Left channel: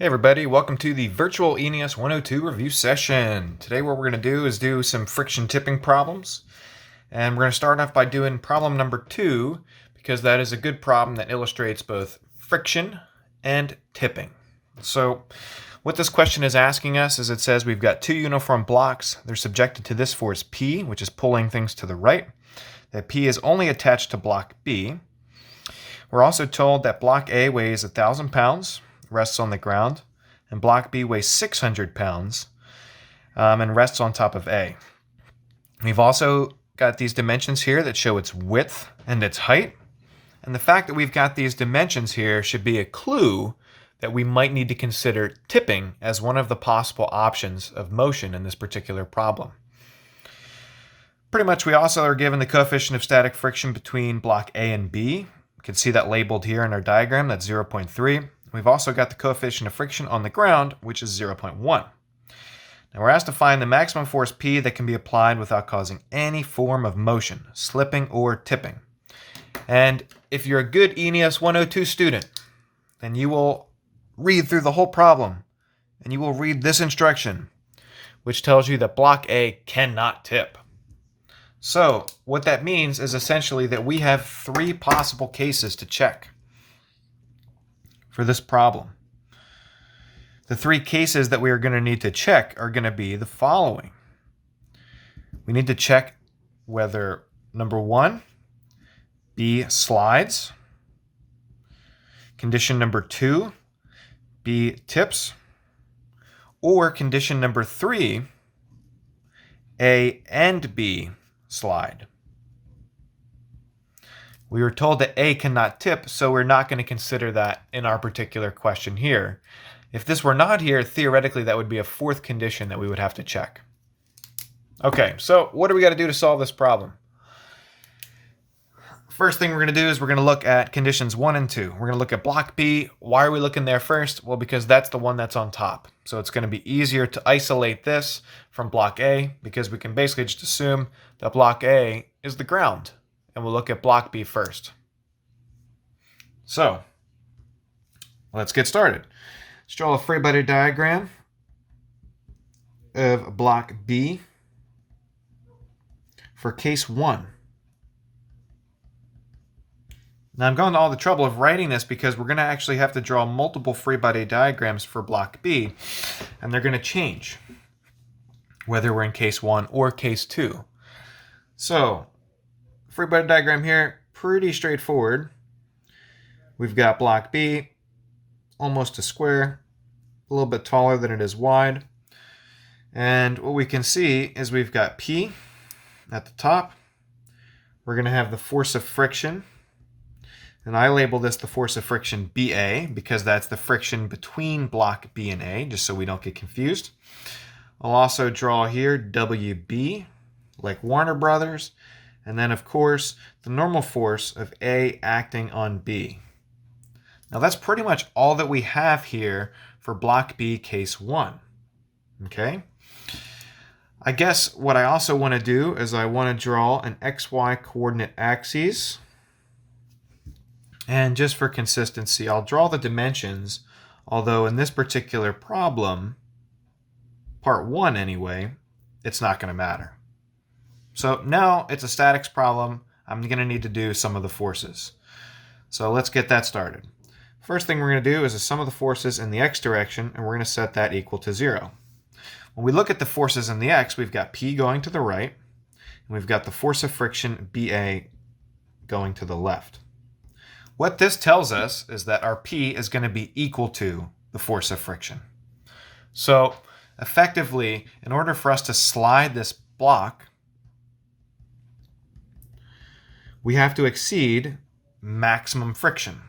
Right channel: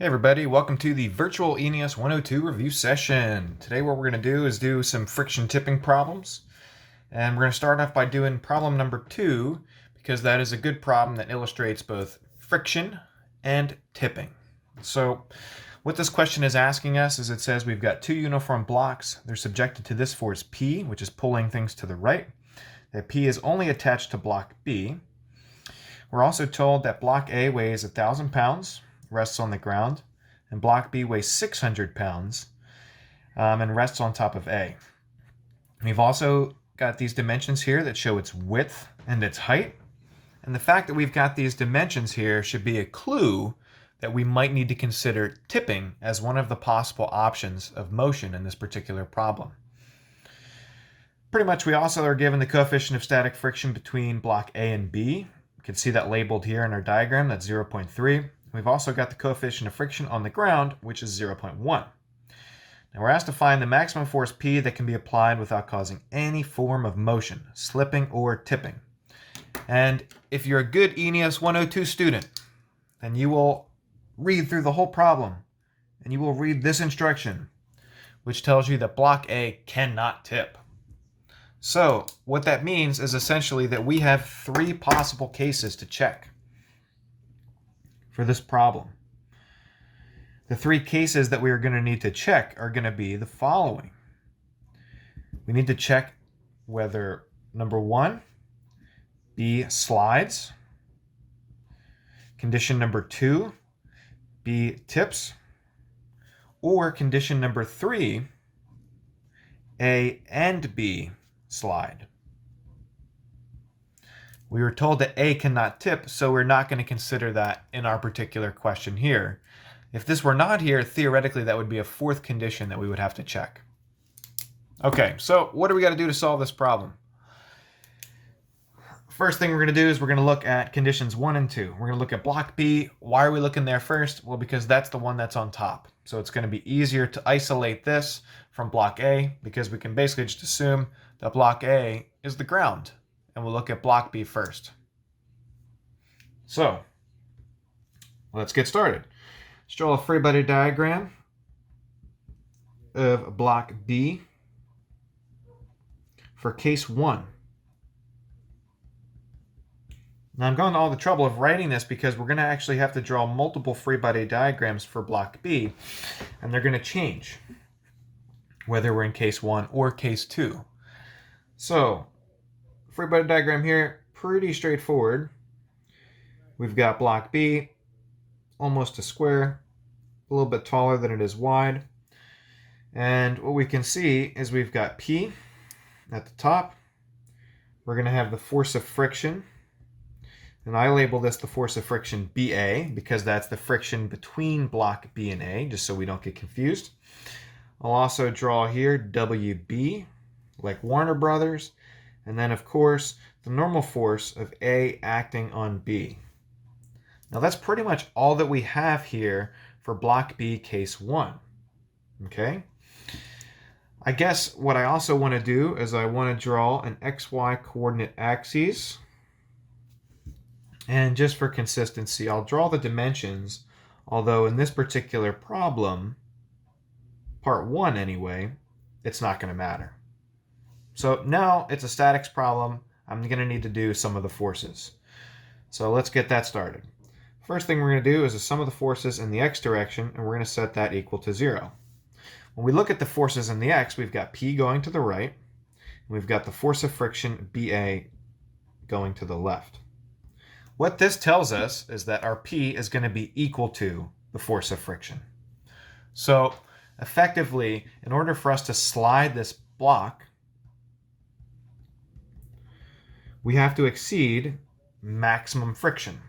Hey everybody, welcome to the virtual ENES 102 review session. Today what we're going to do is do some friction tipping problems. And we're going to start off by doing problem number 2, because that is a good problem that illustrates both friction and tipping. So what this question is asking us is it says we've got two uniform blocks. They're subjected to this force P, which is pulling things to the right. That P is only attached to block B. We're also told that block A weighs 1,000 pounds, rests on the ground, and block B weighs 600 pounds and rests on top of A. We've also got these dimensions here that show its width and its height. And the fact that we've got these dimensions here should be a clue that we might need to consider tipping as one of the possible options of motion in this particular problem. Pretty much we also are given the coefficient of static friction between block A and B. You can see that labeled here in our diagram, that's 0.3. We've also got the coefficient of friction on the ground, which is 0.1. Now we're asked to find the maximum force P that can be applied without causing any form of motion, slipping or tipping. And if you're a good ENES 102 student, then you will read through the whole problem and you will read this instruction, which tells you that block A cannot tip. So what that means is essentially that we have three possible cases to check for this problem. The three cases that we are going to need to check are going to be the following. We need to check whether, number one, B slides. Condition number 2, B tips. Or condition number 3, A and B slide. We were told that A cannot tip, so we're not going to consider that in our particular question here. If this were not here, theoretically that would be a fourth condition that we would have to check. Okay, so what do we got to do to solve this problem? First thing we're going to do is we're going to look at conditions 1 and 2. We're going to look at block B. Why are we looking there first? Well, because that's the one that's on top. So it's going to be easier to isolate this from block A because we can basically just assume that block A is the ground. And we'll look at block B first. So let's get started. Let's draw a freebody diagram of block B for case 1. Now I'm going to all the trouble of writing this because we're going to actually have to draw multiple freebody diagrams for block B, and they're going to change whether we're in case 1 or case 2. So freebody diagram here, pretty straightforward. We've got block B, almost a square, a little bit taller than it is wide. And what we can see is we've got P at the top. We're going to have the force of friction. And I label this the force of friction BA because that's the friction between block B and A, just so we don't get confused. I'll also draw here WB, like Warner Brothers. And then, of course, the normal force of A acting on B. Now, that's pretty much all that we have here for block B case 1. Okay? I guess what I also want to do is I want to draw an XY coordinate axes. And just for consistency, I'll draw the dimensions, although in this particular problem, part 1 anyway, it's not going to matter. So now it's a statics problem. I'm going to need to do some of the forces. So let's get that started. First thing we're going to do is the sum of the forces in the x direction, and we're going to set that equal to 0. When we look at the forces in the x, we've got P going to the right, and we've got the force of friction BA going to the left. What this tells us is that our P is going to be equal to the force of friction. So effectively, in order for us to slide this block, we have to exceed maximum friction.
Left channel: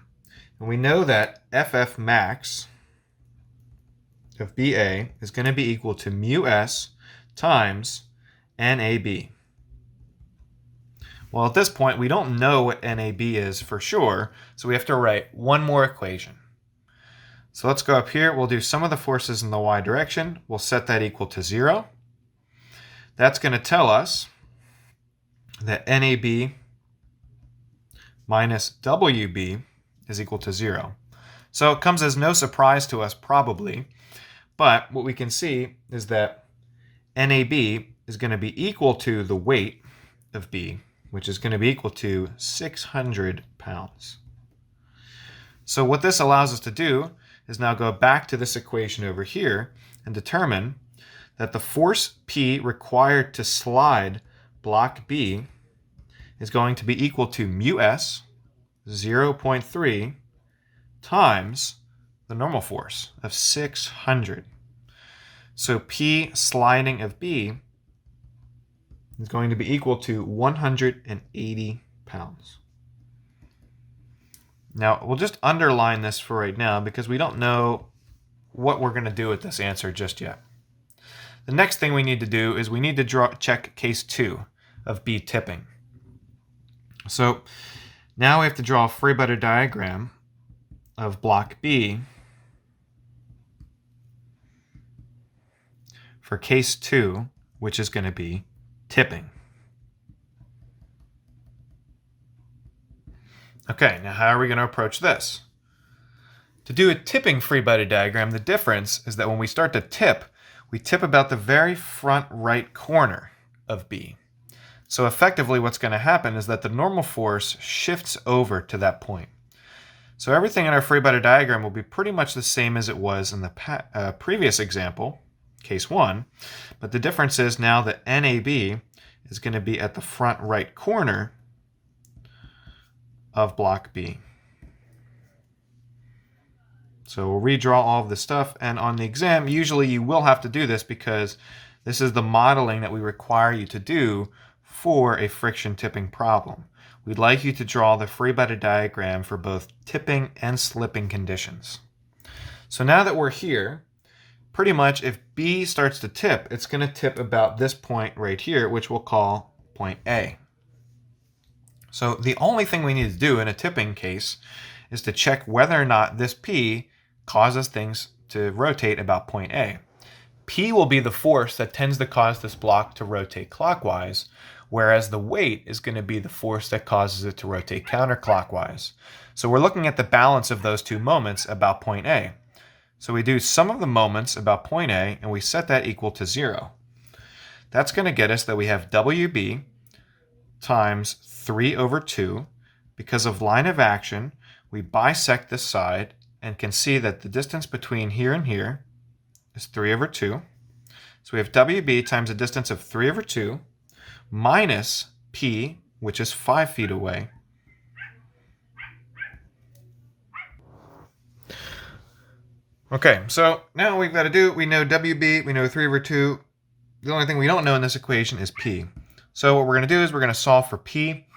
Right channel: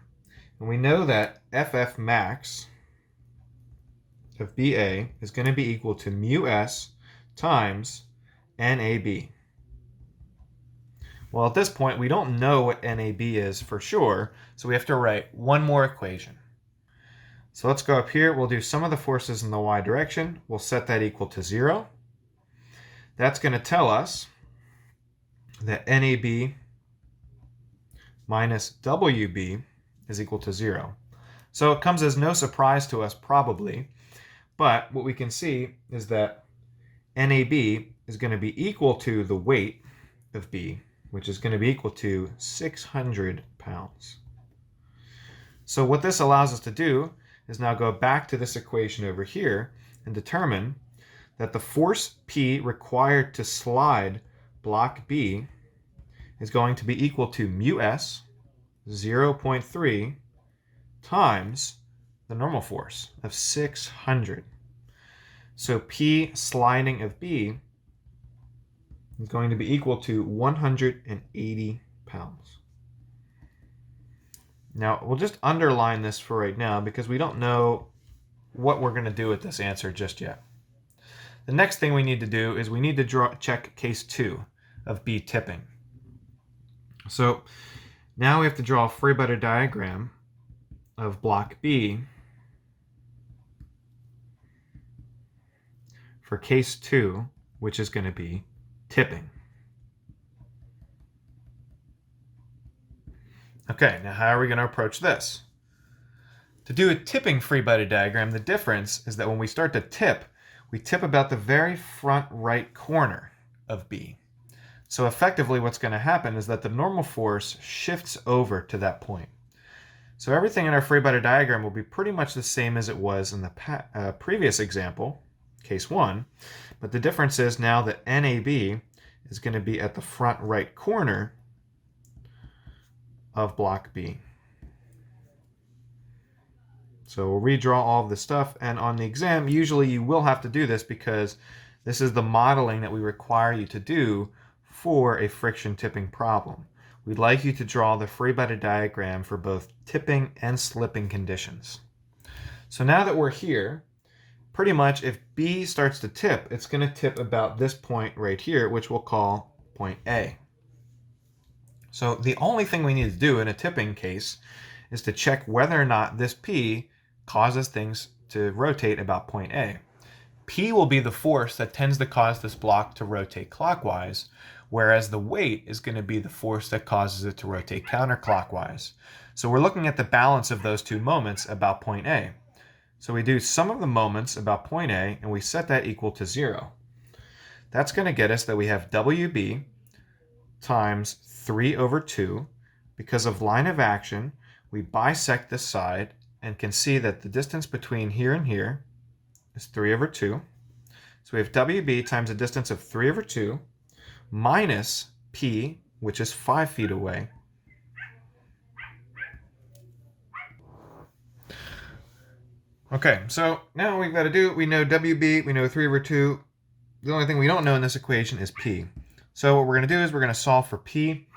And we know that FF max of BA is going to be equal to mu S times NAB. Well, at this point, we don't know what NAB is for sure, so we have to write one more equation. So let's go up here. We'll do sum of the forces in the y direction. We'll set that equal to 0. That's going to tell us that NAB minus WB is equal to 0. So it comes as no surprise to us probably, but what we can see is that NAB is going to be equal to the weight of B, which is going to be equal to 600 pounds. So what this allows us to do is now go back to this equation over here and determine that the force P required to slide block B is going to be equal to mu S 0.3 times the normal force of 600. So P sliding of B is going to be equal to 180 pounds. Now, we'll just underline this for right now because we don't know what we're going to do with this answer just yet. The next thing we need to do is we need to check case 2 of B tipping. So now we have to draw a freebody diagram of block B for case 2, which is going to be tipping. Okay, now how are we going to approach this? To do a tipping freebody diagram, the difference is that when we start to tip, we tip about the very front right corner of B. So effectively what's going to happen is that the normal force shifts over to that point. So everything in our freebody diagram will be pretty much the same as it was in the previous example, case 1, but the difference is now that NAB is going to be at the front right corner of block B. So we'll redraw all of this stuff, and on the exam, usually you will have to do this because this is the modeling that we require you to do for a friction tipping problem. We'd like you to draw the freebody diagram for both tipping and slipping conditions. So now that we're here, pretty much if B starts to tip, it's going to tip about this point right here, which we'll call point A. So the only thing we need to do in a tipping case is to check whether or not this P causes things to rotate about point A. P will be the force that tends to cause this block to rotate clockwise, whereas the weight is going to be the force that causes it to rotate counterclockwise. So we're looking at the balance of those two moments about point A. So we do sum of the moments about point A, and we set that equal to 0. That's going to get us that we have WB times 3 over 2. Because of line of action, we bisect this side and can see that the distance between here and here is 3 over 2. So we have WB times a distance of 3 over 2 minus P, which is 5 feet away. Okay, so now we've got to do, we know WB, we know 3 over 2. The only thing we don't know in this equation is P. So what we're going to do is we're going to solve for P.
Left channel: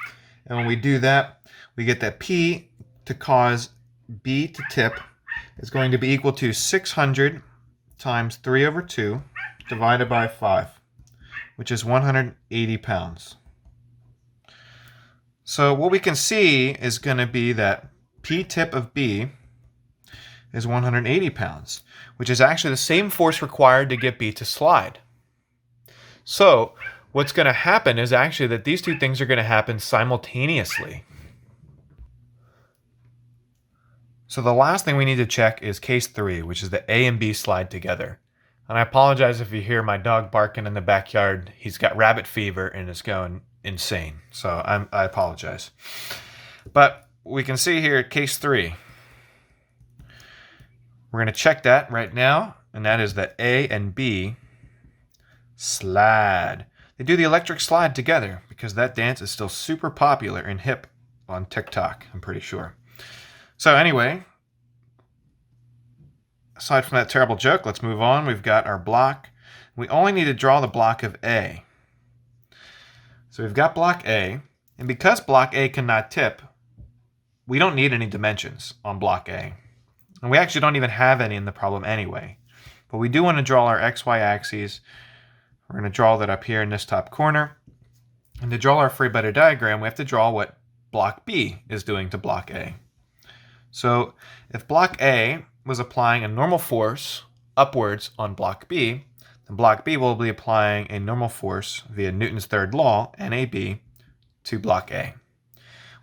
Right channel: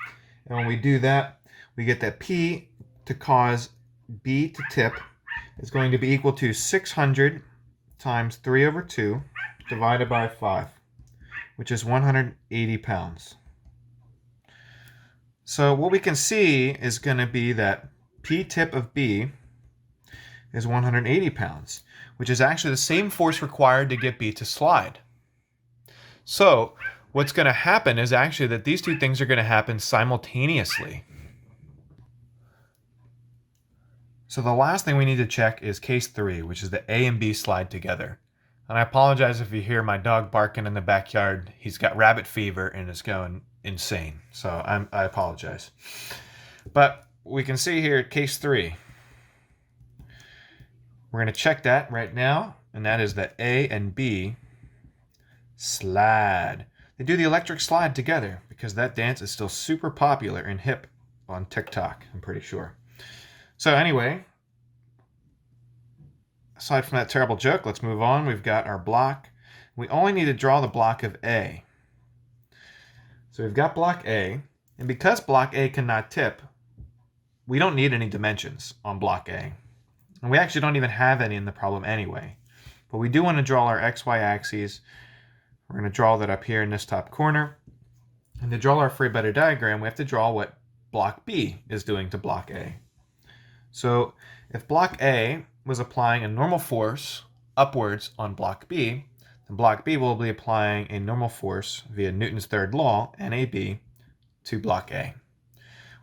And when we do that, we get that P to cause B to tip is going to be equal to 600 times 3 over 2 divided by 5, which is 180 pounds. So what we can see is going to be that P tip of B is 180 pounds, which is actually the same force required to get B to slide. So what's going to happen is actually that these two things are going to happen simultaneously. So the last thing we need to check is case 3, which is the A and B slide together. And I apologize if you hear my dog barking in the backyard. He's got rabbit fever and is going insane. So I apologize. But we can see here case 3. We're going to check that right now, and that is that A and B slide. They do the electric slide together because that dance is still super popular and hip on TikTok, I'm pretty sure. So anyway, aside from that terrible joke, let's move on. We've got our block. We only need to draw the block of A. So we've got block A, and because block A cannot tip, we don't need any dimensions on block A. And we actually don't even have any in the problem anyway. But we do want to draw our XY axes. We're going to draw that up here in this top corner. And to draw our freebody diagram, we have to draw what block B is doing to block A. So if block A was applying a normal force upwards on block B, then block B will be applying a normal force via Newton's third law, NAB, to block A.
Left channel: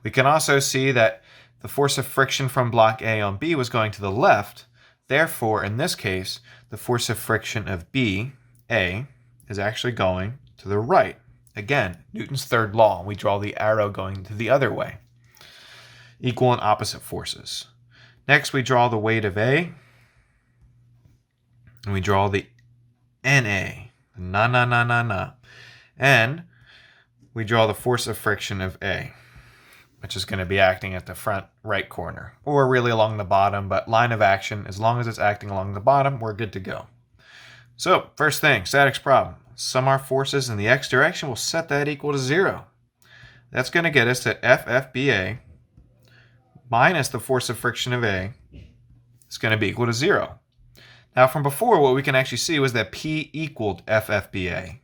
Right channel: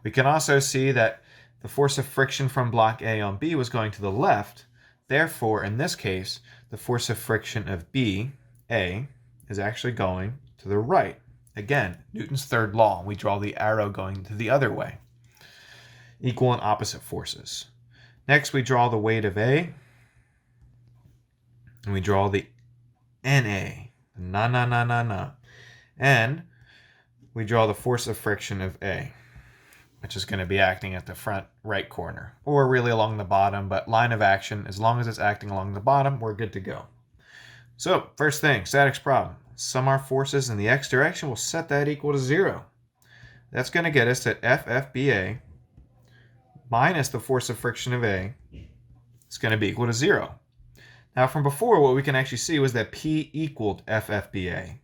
We can also see that the force of friction from block A on B was going to the left. Therefore, in this case, the force of friction of B, A, is actually going to the right. Again, Newton's third law. We draw the arrow going to the other way. Equal and opposite forces. Next, we draw the weight of A. And we draw the NA. And we draw the force of friction of A, which is going to be acting at the front right corner, or really along the bottom, but line of action, as long as it's acting along the bottom, we're good to go. So, first thing, statics problem. Sum our forces in the x direction, we'll set that equal to 0. That's going to get us that FFBA minus the force of friction of A is going to be equal to 0. Now, from before, what we can actually see was that P equaled FFBA.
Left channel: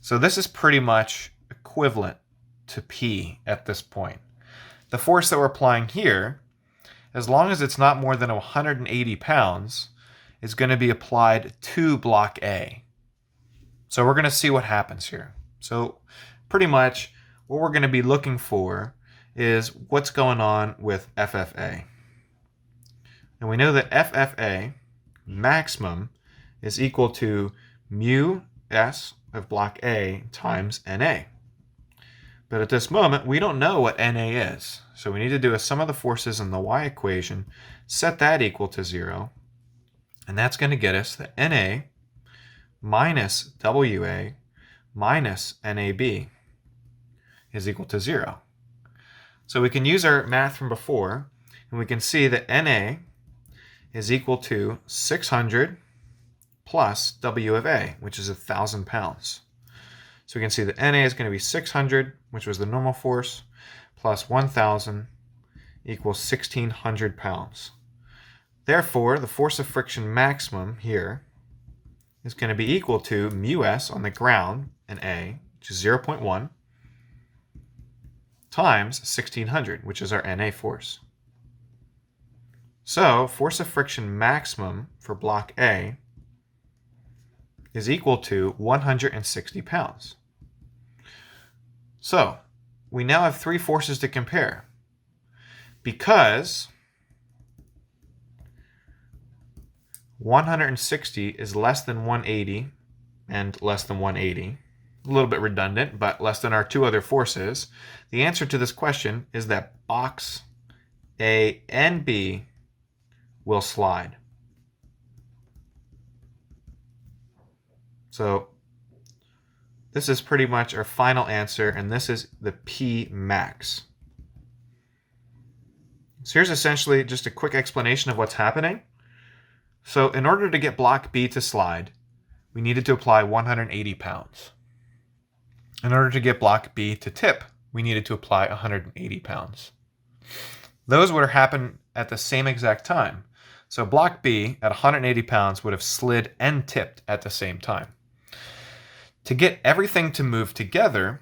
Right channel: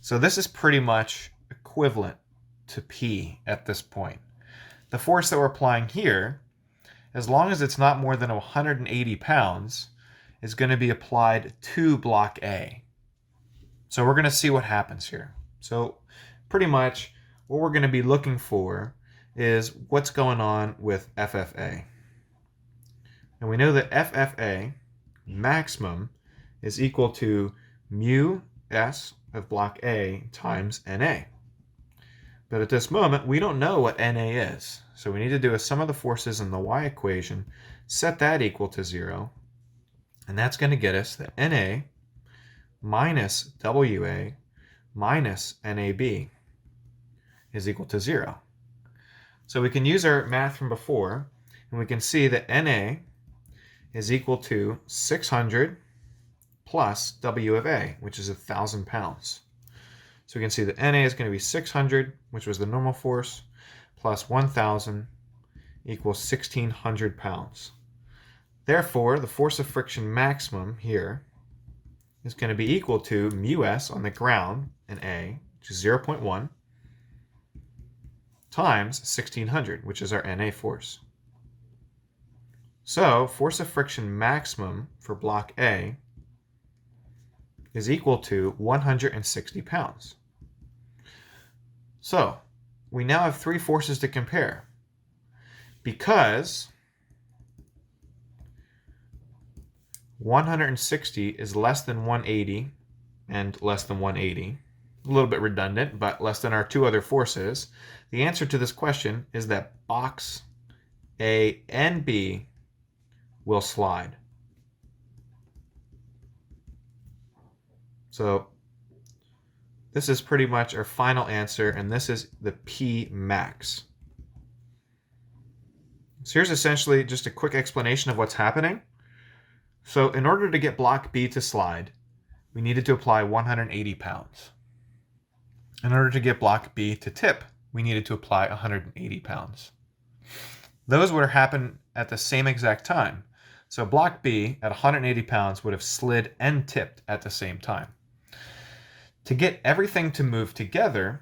So this is pretty much equivalent to P at this point. The force that we're applying here, as long as it's not more than 180 pounds, is going to be applied to block A. So we're going to see what happens here. So pretty much what we're going to be looking for is what's going on with FFA. And we know that FFA maximum is equal to mu S of block A times NA. But at this moment, we don't know what NA is. So we need to do a sum of the forces in the y equation, set that equal to 0, and that's going to get us that NA minus WA minus NAB is equal to 0. So we can use our math from before, and we can see that NA is equal to 600 plus W of A, which is 1,000 pounds. So we can see that NA is going to be 600, which was the normal force, plus 1,000 equals 1,600 pounds. Therefore, the force of friction maximum here is going to be equal to mu S on the ground in A, which is 0.1, times 1,600, which is our NA force. So, force of friction maximum for block A is equal to 160 pounds. So, we now have three forces to compare. Because 160 is less than 180 and less than 180, a little bit redundant, but less than our two other forces, the answer to this question is that box A and B will slide. So this is pretty much our final answer, and this is the P max. So here's essentially just a quick explanation of what's happening. So in order to get block B to slide, we needed to apply 180 pounds. In order to get block B to tip, we needed to apply 180 pounds. Those would have happened at the same exact time. So block B at 180 pounds would have slid and tipped at the same time. To get everything to move together,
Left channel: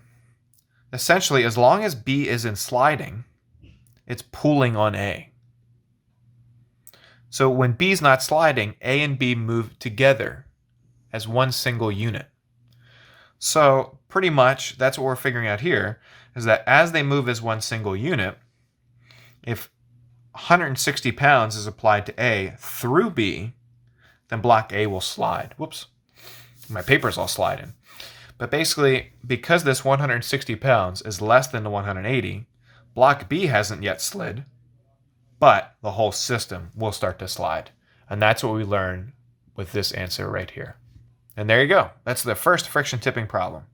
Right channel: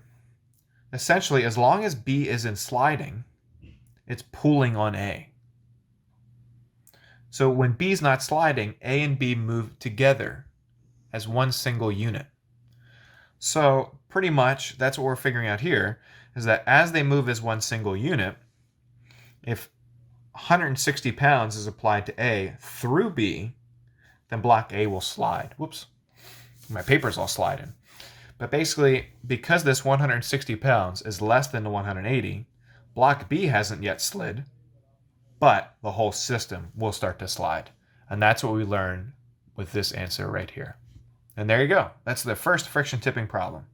essentially as long as B isn't sliding, it's pulling on A. So when B is not sliding, A and B move together as one single unit. So pretty much that's what we're figuring out here, is that as they move as one single unit, if 160 pounds is applied to A through B, then block A will slide. Whoops, my paper's all sliding. But basically, because this 160 pounds is less than the 180, block B hasn't yet slid, but the whole system will start to slide. And that's what we learned with this answer right here. And there you go. That's the first friction tipping problem.